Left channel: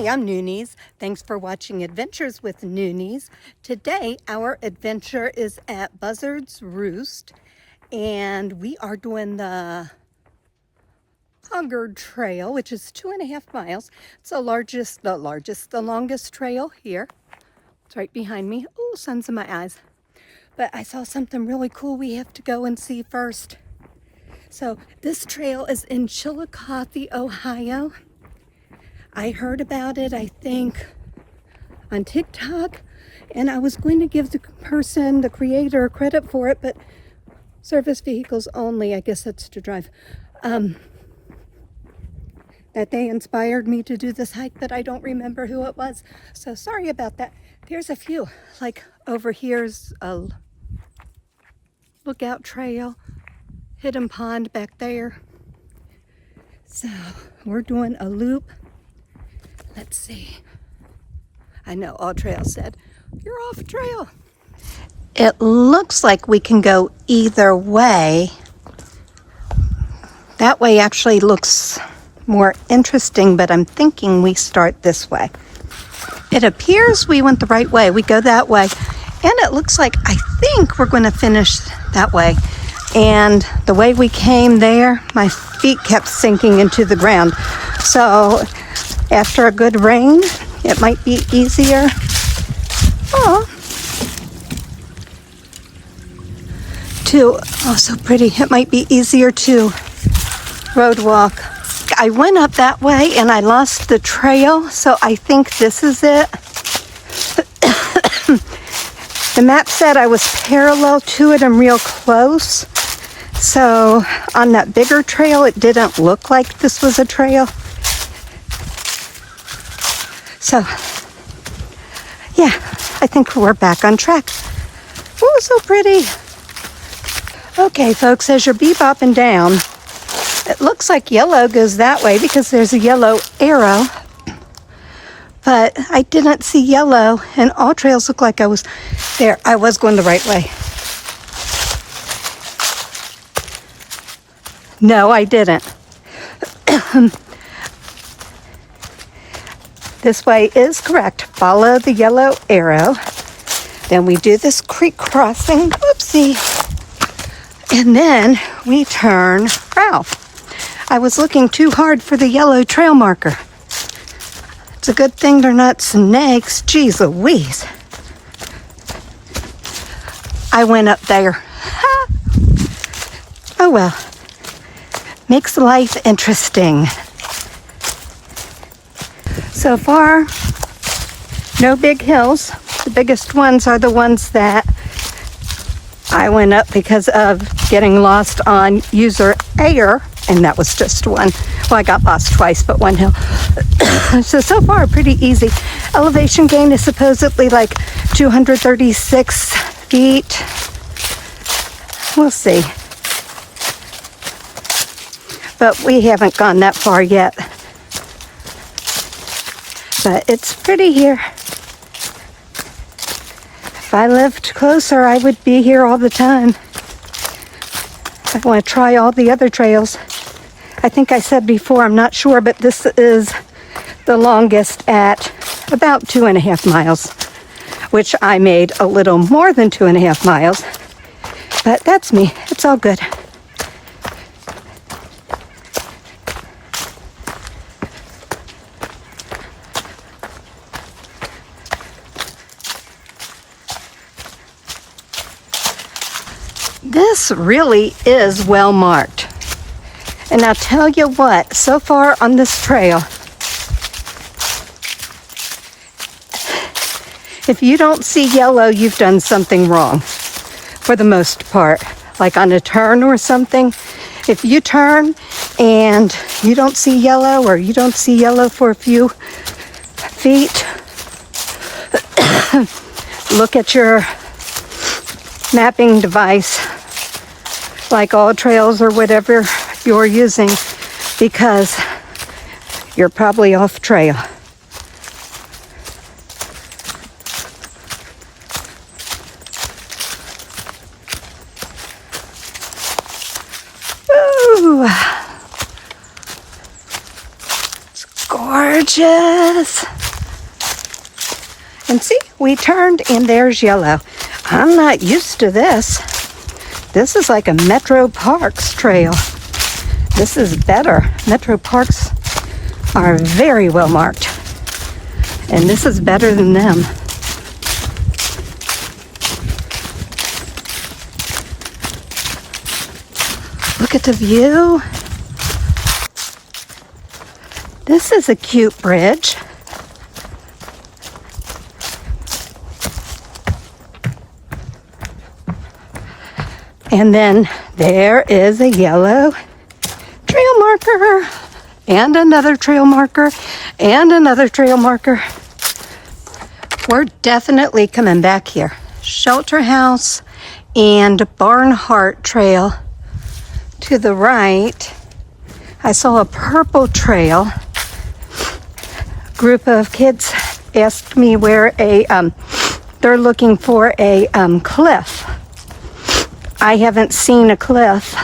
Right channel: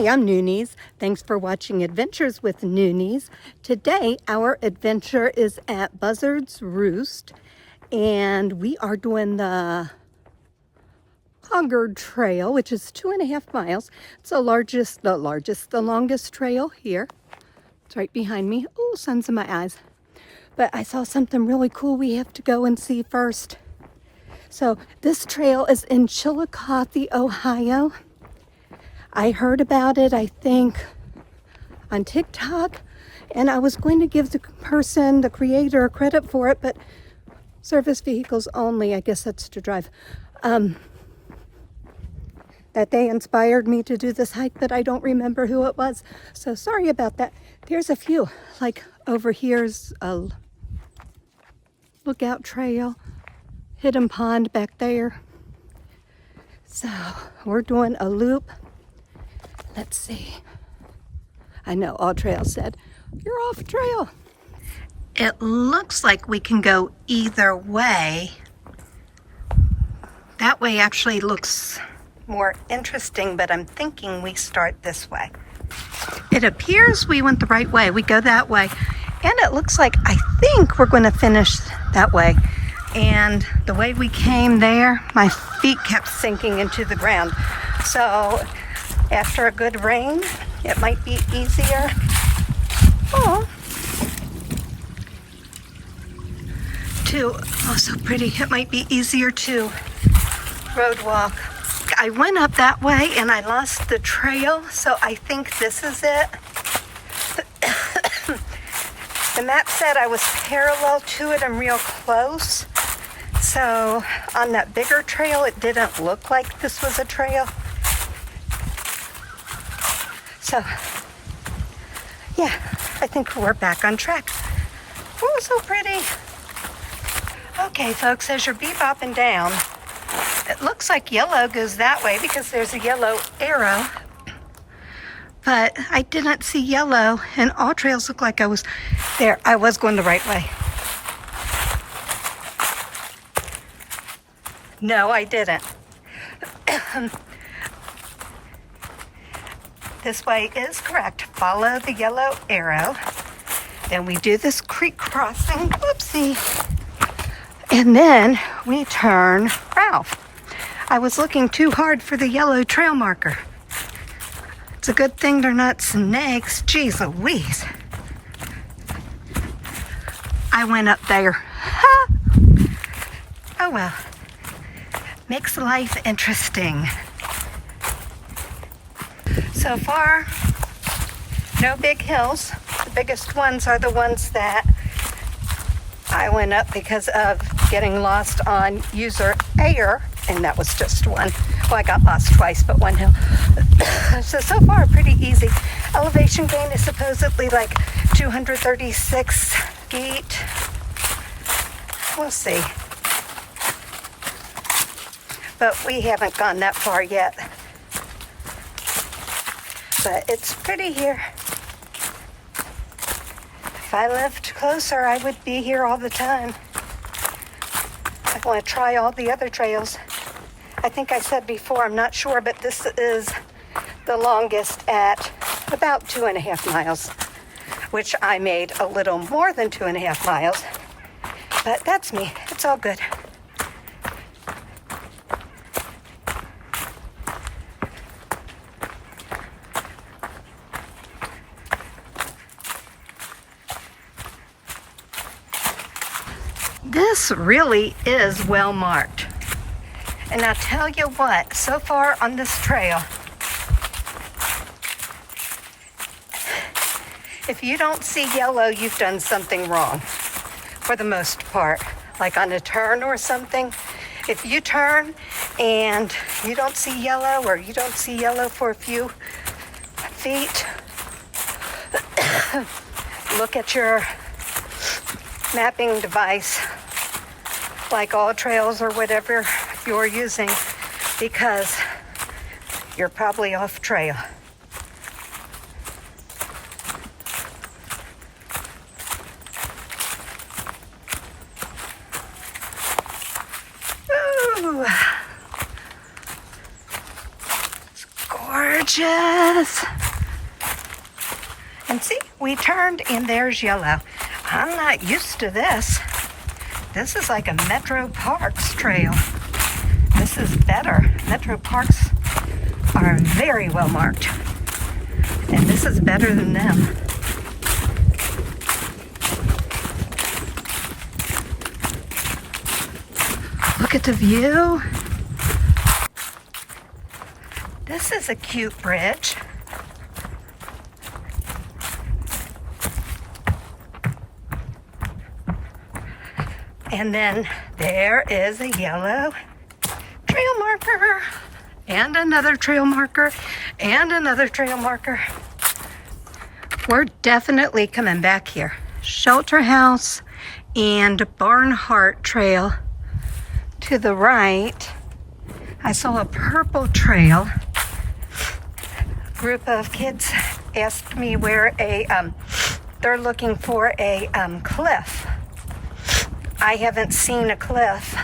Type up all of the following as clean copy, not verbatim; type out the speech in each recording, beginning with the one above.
Hi, I'm Noonies. Thanks for watching Adventures with Noonies. Today, our adventure is at Buzzard's Roost, and we are doing the Hoggard Trail, which is 2.5 miles. It's the longest trail here. It's right behind me. Oh, sun's in my eyes. But I saw something really cool we have to go and see first. So this trail is in Chillicothe, Ohio. I heard about it, I think, on TikTok, and I was going to give the person, the creator, credit for it, but service vehicles only, I guess that's to drive. That they inspired me to do this hike, but I don't remember who it was, so sorry about that. There's a few, like over here's a lookout trail, hidden pond back there. So we're doing a loop. Let's see. I know All Trail said, you're off trail. It looks like we can go either way. That way actually looks more interesting, but I'm thinking we start this way. It appears we went the right way. We go that way. And it looks like, I think we're going to finish that way. And the way we came there, my feet kept sinking into the ground. So after a good rain, it might be easier. Oh, so pretty. It might be easier to road walk. I went up that way and I lost the trail, so I think this is it. The map said I was parallel to it and real close. So on that bigger trail, it didn't look like this was a trail. So, yeah, I think we're back on track. Oh, so pretty. Okay, folks, as you're bebopping down, it looks like yellow goes that way because there's a yellow arrow. But I didn't see yellow, and all trails look like I was there. I was going the right way. No, I didn't. This way is correct. Follow the yellow arrow. Then we do this creek crossing. Whoopsie. And then we turn south. I was looking too hard for the yellow trail marker. It's a good thing they're not snakes. Jeez Louise. I went up there. Ha! Oh well. Makes life interesting. So far, no big hills. The biggest ones are the ones that I went up because of getting lost on user air, and that was just one. Well, I got lost twice, but one hill. So far, pretty easy. Elevation gain is supposedly like 236 feet. We'll see. But we haven't gone that far yet. But it's pretty here. If I lived closer, I would be here all the time. I want to try all the other trails. I think I said before, I'm not sure, but this is the longest at about 2.5 miles, which I made a little more than 2.5 miles. But that's me. It's all good. This really is well marked. And I'll tell you what, so far on this trail, if you don't see yellow, you've done something wrong for the most part. Like on a turn or something, if you turn and you don't see yellow, or you don't see yellow for a few feet, look at your mapping device, like All Trails or whatever you're using, because you're probably off trail. Ooh. It's gorgeous. gorgeous. And see, we turned and there's yellow. I'm not used to this. This is like a Metro Parks trail. This is better. Metro Parks are very well marked. And this is better than them. Look at the view. This is a cute bridge. And then there is a yellow trail marker, and another trail marker, and another trail marker. We're definitely coming back here. Shelter House and Barnhart Trail. To the right, I saw a purple trail. Group of kids asked me where they're looking for a cliff. I haven't seen a cliff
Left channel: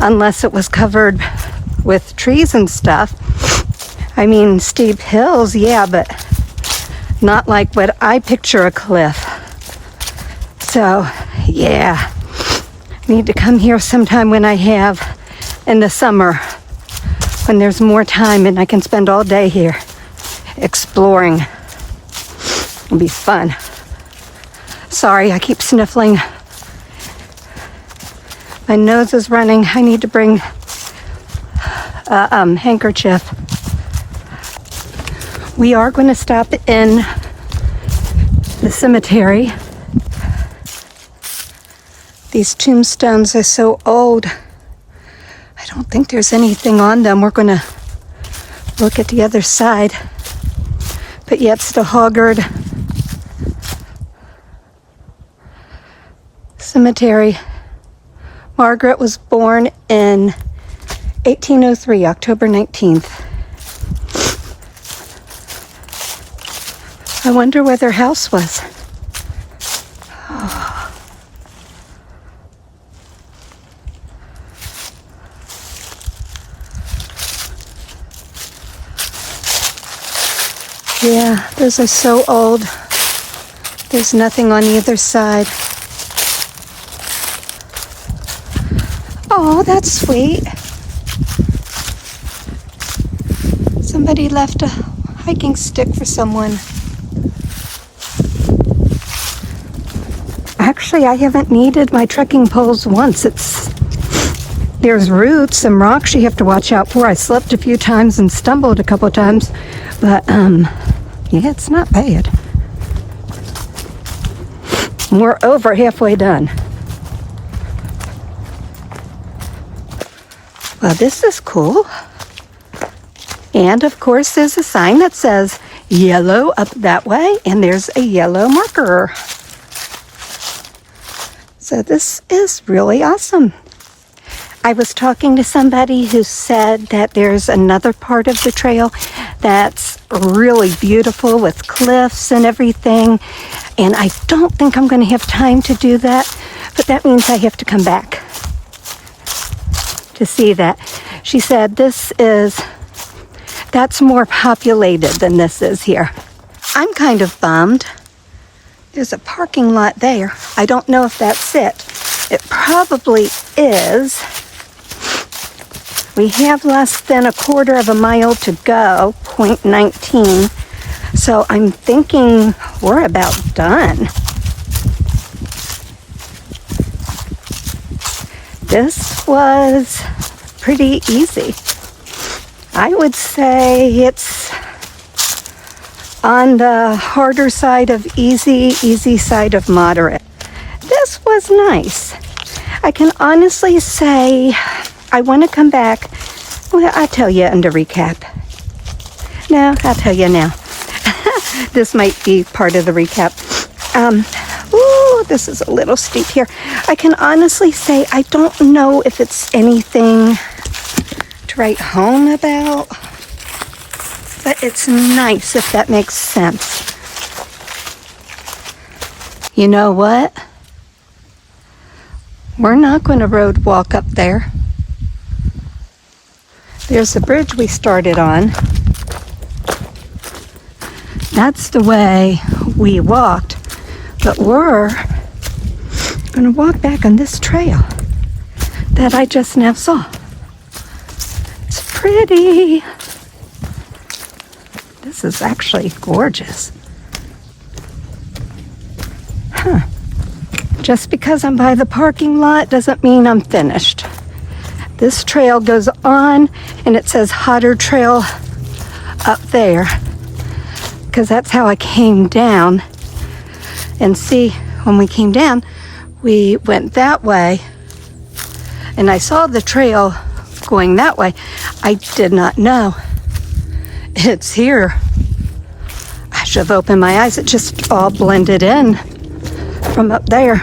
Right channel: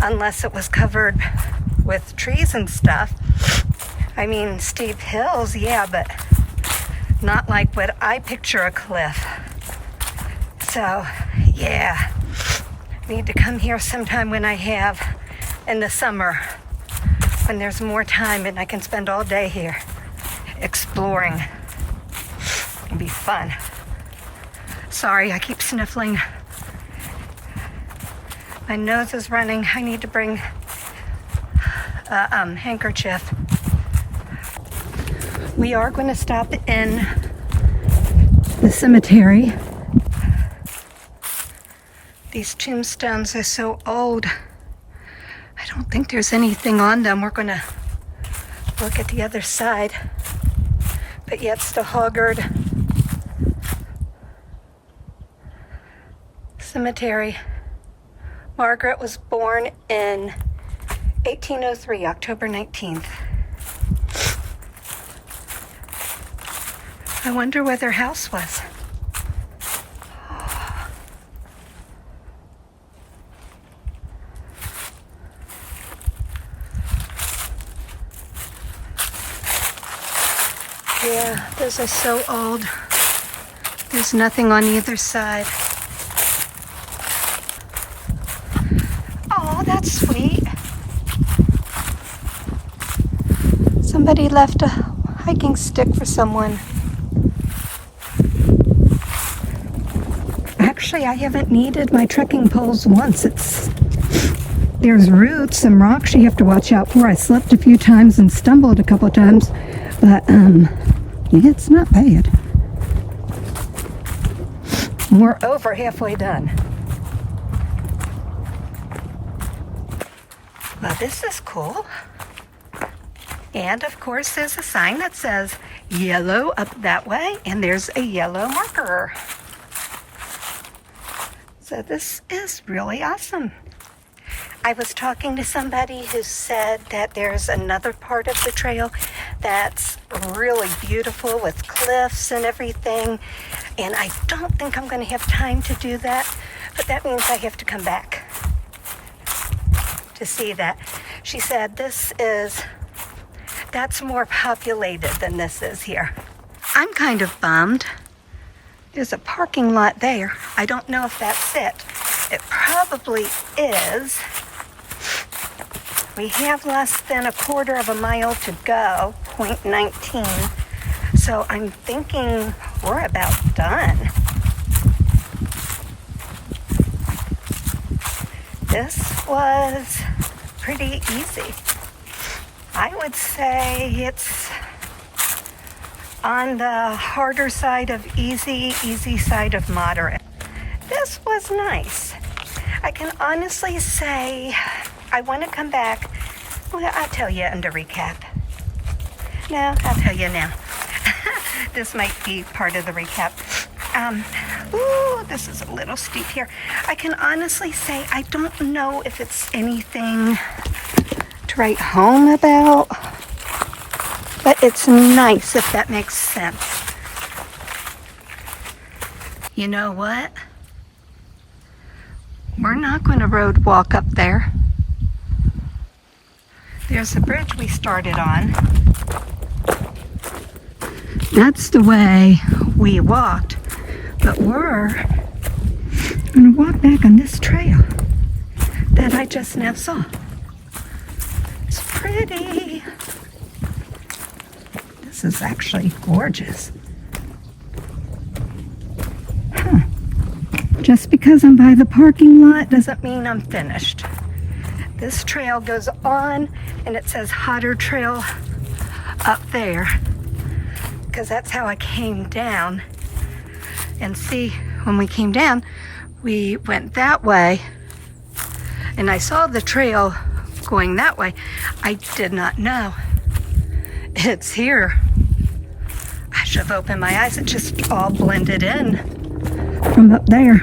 unless it was covered with trees and stuff. I mean, steep hills, yeah, but not like what I picture a cliff. So, yeah, need to come here sometime when I have in the summer, when there's more time and I can spend all day here exploring. It'll be fun. Sorry, I keep sniffling. My nose is running. I need to bring a handkerchief. We are going to stop in the cemetery. These tombstones are so old. I don't think there's anything on them. We're going to look at the other side. But yeah, it's the Hoggard Cemetery. Margaret was born in 1803, October 19th. I wonder where their house was. Oh. Yeah, this is so old. There's nothing on either side. Oh, that's sweet. Somebody left a hiking stick for someone. Actually, I haven't needed my trekking poles once. There's roots and rocks you have to watch out for. I slipped a few times and stumbled a couple times, but yeah, it's not bad. We're over halfway done. Well, this is cool. And of course, there's a sign that says yellow up that way, and there's a yellow marker. So this is really awesome. I was talking to somebody who said that there's another part of the trail that's really beautiful with cliffs and everything. And I don't think I'm going to have time to do that, but that means I have to come back to see that. She said that's more populated than this is here. I'm kind of bummed. There's a parking lot there. I don't know if that's it. It probably is. We have less than a quarter of a mile to go, 0.19. So I'm thinking we're about done. This was pretty easy. I would say it's on the harder side of easy, easy side of moderate. This was nice. I can honestly say I want to come back. Well, I'll tell you in the recap. No, I'll tell you now. This might be part of the recap. Ooh, this is a little steep here. I can honestly say I don't know if it's anything to write home about, but it's nice, if that makes sense. You know what? We're not going to road walk up there. There's the bridge we started on. That's the way we walked, but we're gonna walk back on this trail that I just now saw. It's pretty. This is actually gorgeous. Huh. Just because I'm by the parking lot doesn't mean I'm finished. This trail goes on, and it says Hoggard Trail up there, because that's how I came down. And see, when we came down, we went that way, and I saw the trail going that way. I did not know it's here. I should have opened my eyes. It just all blended in from up there.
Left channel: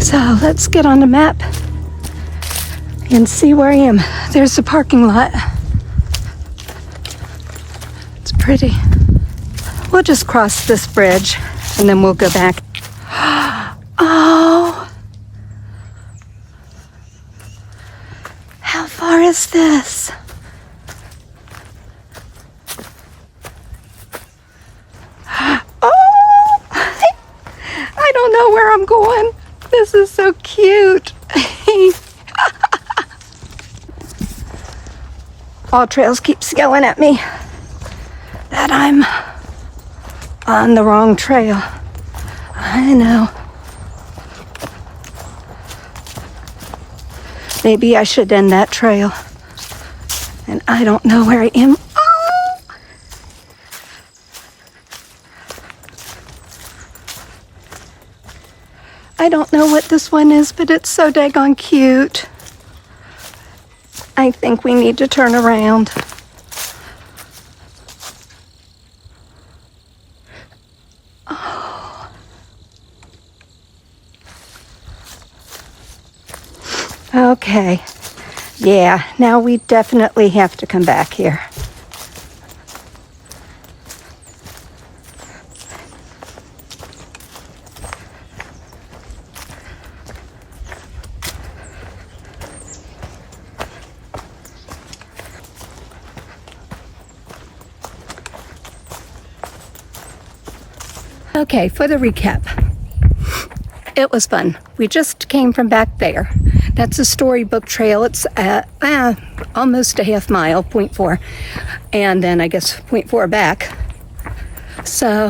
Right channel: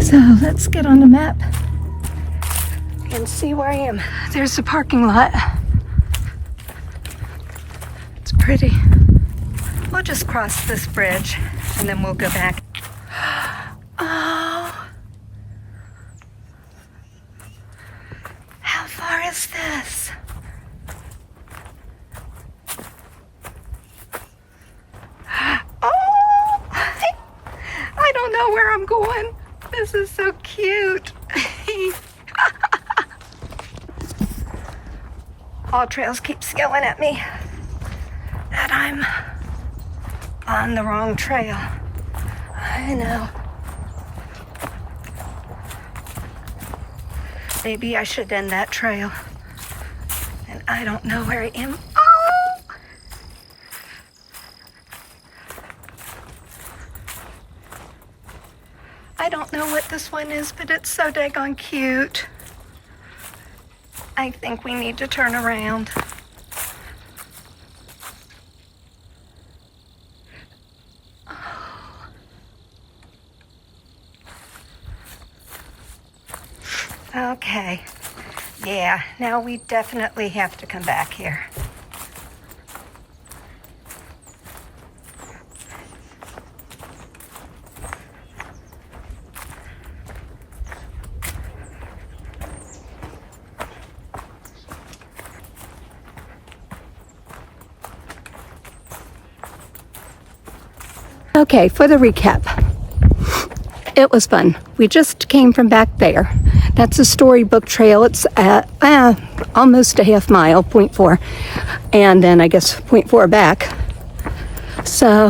So let's get on the map and see where I am. There's the parking lot. It's pretty. We'll just cross this bridge and then we'll go back. Oh, how far is this? Oh, I don't know where I'm going. This is so cute. All trails keeps yelling at me that I'm on the wrong trail. I know. Maybe I should end that trail. And I don't know where I am. Oh! I don't know what this one is, but it's so daggone cute. I think we need to turn around. Oh. Okay. Yeah, now we definitely have to come back here. Okay, for the recap, it was fun. We just came from back there. That's a storybook trail. It's almost a half mile, 0.4, and then I guess 0.4 back. So,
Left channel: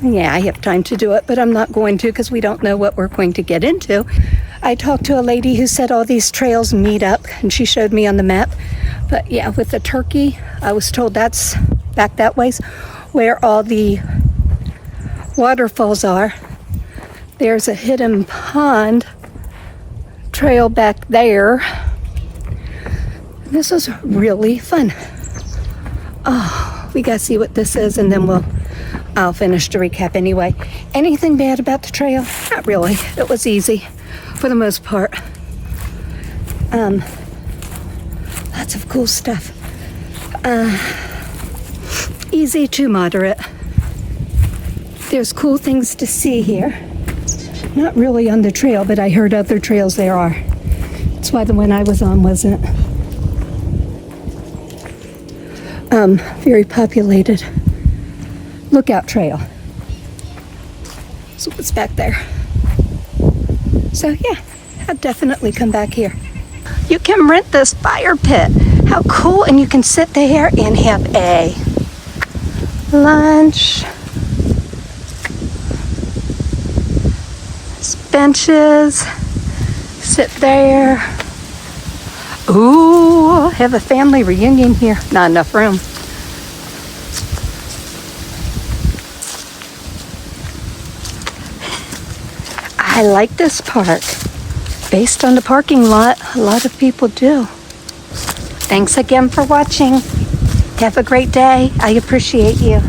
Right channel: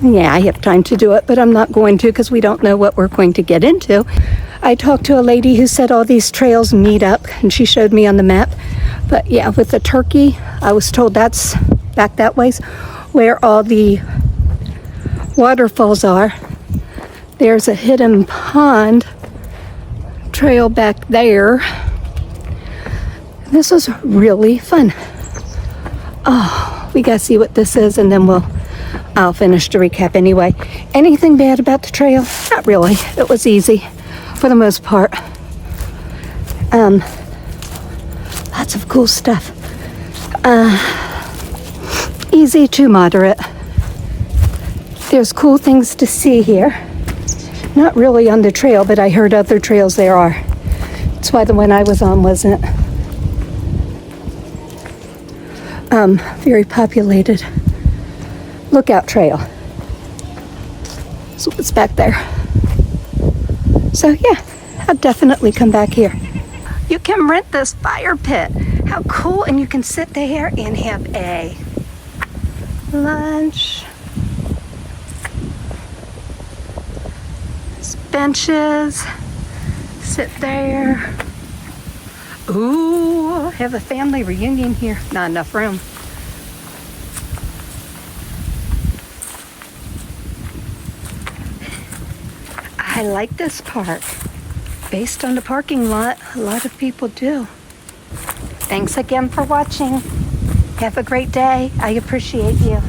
yeah, I have time to do it, but I'm not going to because we don't know what we're going to get into. I talked to a lady who said all these trails meet up, and she showed me on the map. But yeah, with the turkey, I was told that's back that ways where all the waterfalls are. There's a hidden pond trail back there. This was really fun. Oh, we gotta see what this is, and then I'll finish the recap anyway. Anything bad about the trail? Not really. It was easy for the most part. Lots of cool stuff. Easy to moderate. There's cool things to see here. Not really on the trail, but I heard other trails there are. That's why the one I was on wasn't. Very populated. Lookout trail. So it's back there. So yeah, I'll definitely come back here. You can rent this fire pit. How cool, and you can sit there and have a lunch. Benches, sit there. Ooh, have a family reunion here. Not enough room. I like this park. Based on the parking lot, a lot of people do. Thanks again for watching. Have a great day. I appreciate you.